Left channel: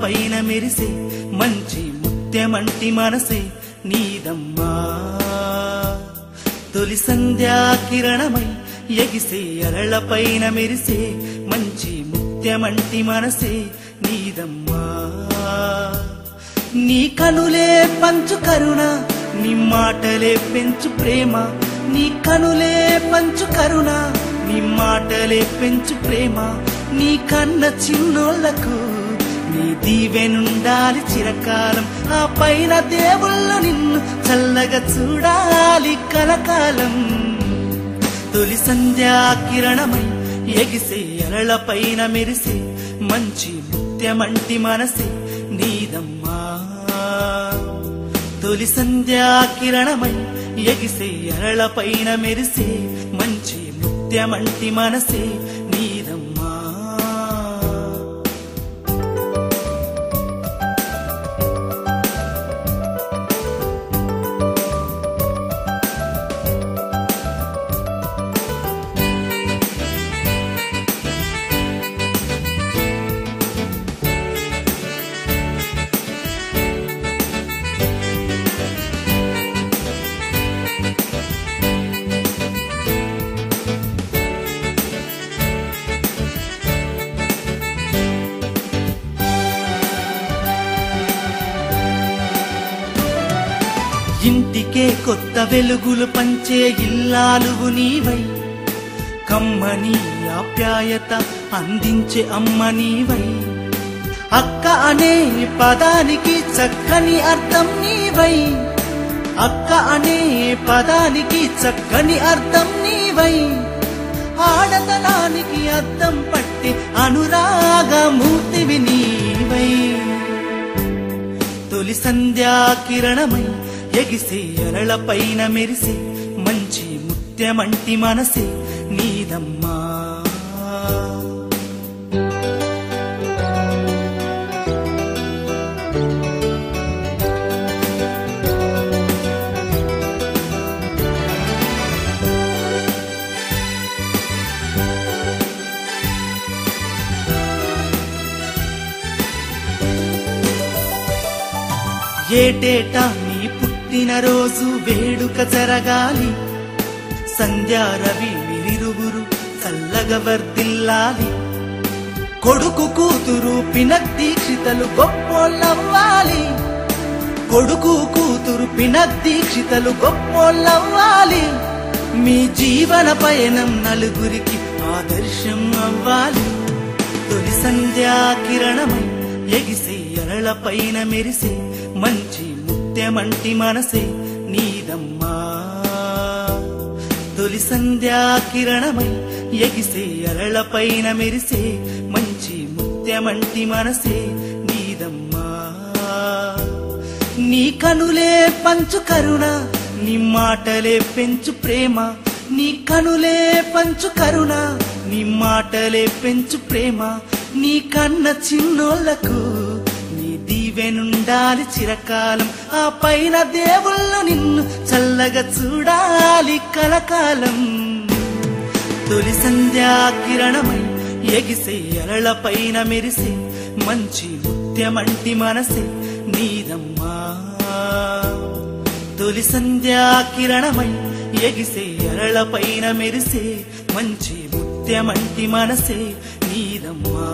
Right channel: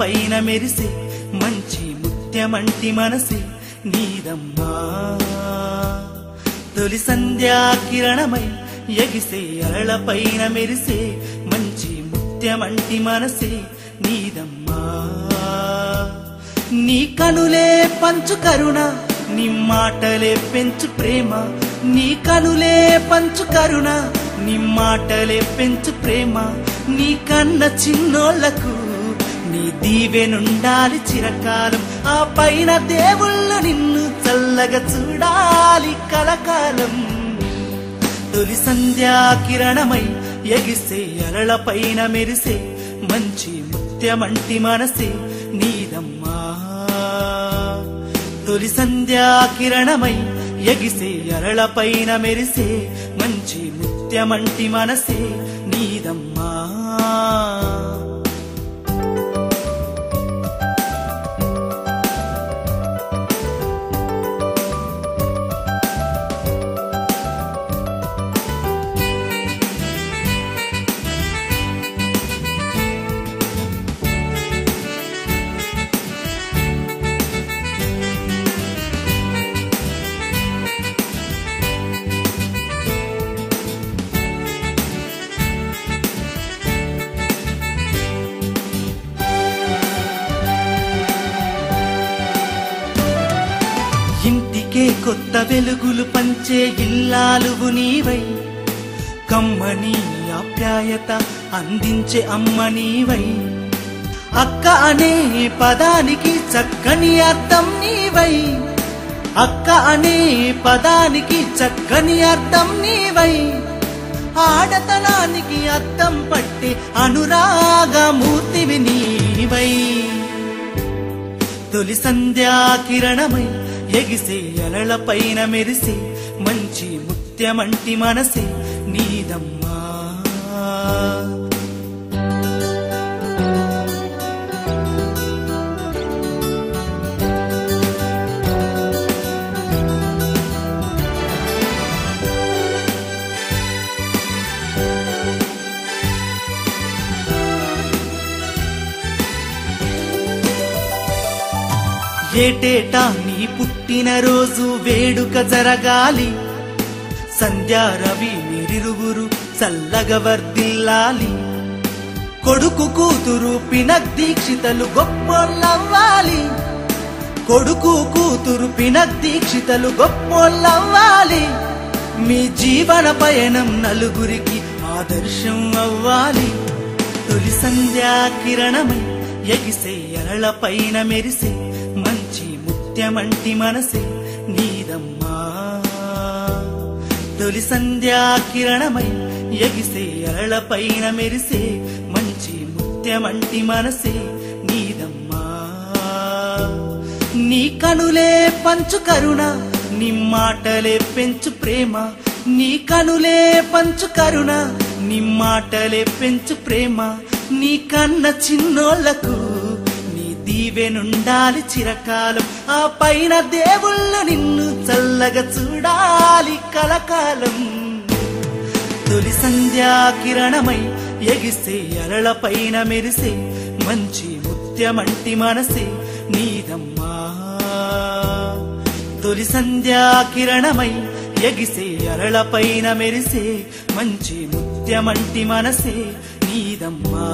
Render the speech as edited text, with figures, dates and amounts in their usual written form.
పైన మెరిసే మంచి ముత్యమంటి మనసే నీదమ్మా. తొలి సంధ్యా కిరణమై ఎగిసే అరళ పైన మెరిసే మంచి ముత్యమంటి మనసే నీదమ్మా. నీ కనులే పంచు కరుణ, నీ మాటలే పెంచు ప్రేమ. నీ కనులే పంచు కరుణ, నీ మాటలే పెంచు ప్రేమ. నీ కన్న చిన్నోళ్లకు నీ దీవెనుండాలి చిరకాలం. ఆ పైన దేవుళ్ళు నిన్ను చల్లగా చూడాలి కలకాలం. తొలి సంధ్యా కిరణమై ఎగిసే అరళ పైన మెరిసే మంచి ముత్యమంటి మనసే నీదమ్మా. తొలి సంధ్యా కిరణమై ఎగిసే అరళ పైన మెరిసే మంచి ముత్యమంటి మనసే నీదమ్మా. కొత్త వెలుగులు పంచే ఇల్లాలువు నీవై, కమ్మని ఆప్యాయత అందించే అమ్మ నీవై. అక్క అనే పదానికి చక్కని అర్థం నీవై. అక్క అనే పదానికి చక్కని అర్థం నీవై. ఆడతనానికి అర్థం పట్టే అనురాగమూర్తివి నీవై. తొలి సంధ్యా కిరణమై ఎగిసే అరళ పైన మెరిసే మంచి ముత్యమంటి మనసే నీదమ్మా. ఏటేటా రోజు వేడుక జరగాలి. సంధ్యా రవి మీరువురు చల్లగా వర్తిల్లాలి. కొడుకు కూతురు పినక్ దీక్షితలు గొప్పోళ్ళవ్వాలి. కొడుకు కూతురు పినక్ దీక్షితలు గొప్పోళ్ళవ్వాలి. మీ జీవన పయనం నలుగురికి ఆదర్శం అవ్వాలి. తొలి సంధ్యా కిరణమై ఎగిసే అరళ పైన మెరిసే మంచి ముత్యమంటి మనసే నీదమ్మా. తొలి సంధ్యా కిరణమై ఎగిసే అరళ పైన మెరిసే మంచి ముత్యమంటి మనసే నీదమ్మా. నీ కనులే పంచు కరుణ, నీ మాటలే పెంచు ప్రేమ. నీ కనులే పంచు కరుణ, నీ మాటలే పెంచు ప్రేమ. నీ కన్న చిన్నోళ్లకు దీవెనుండాలి చిరకాలం. ఆ పైన దేవుళ్ళు నిన్ను చల్లగా చూడాలి కలకాలం. తొలి సంధ్యా కిరణమై ఎగిసే అరళ పైన మెరిసే మంచి ముత్యమంటి మనసే నీదమ్మా. తొలి సంధ్యా కిరణమై ఎగిసే అరళ పైన మెరిసే మంచి ముత్యమంటి మనసే నీదమ్మా.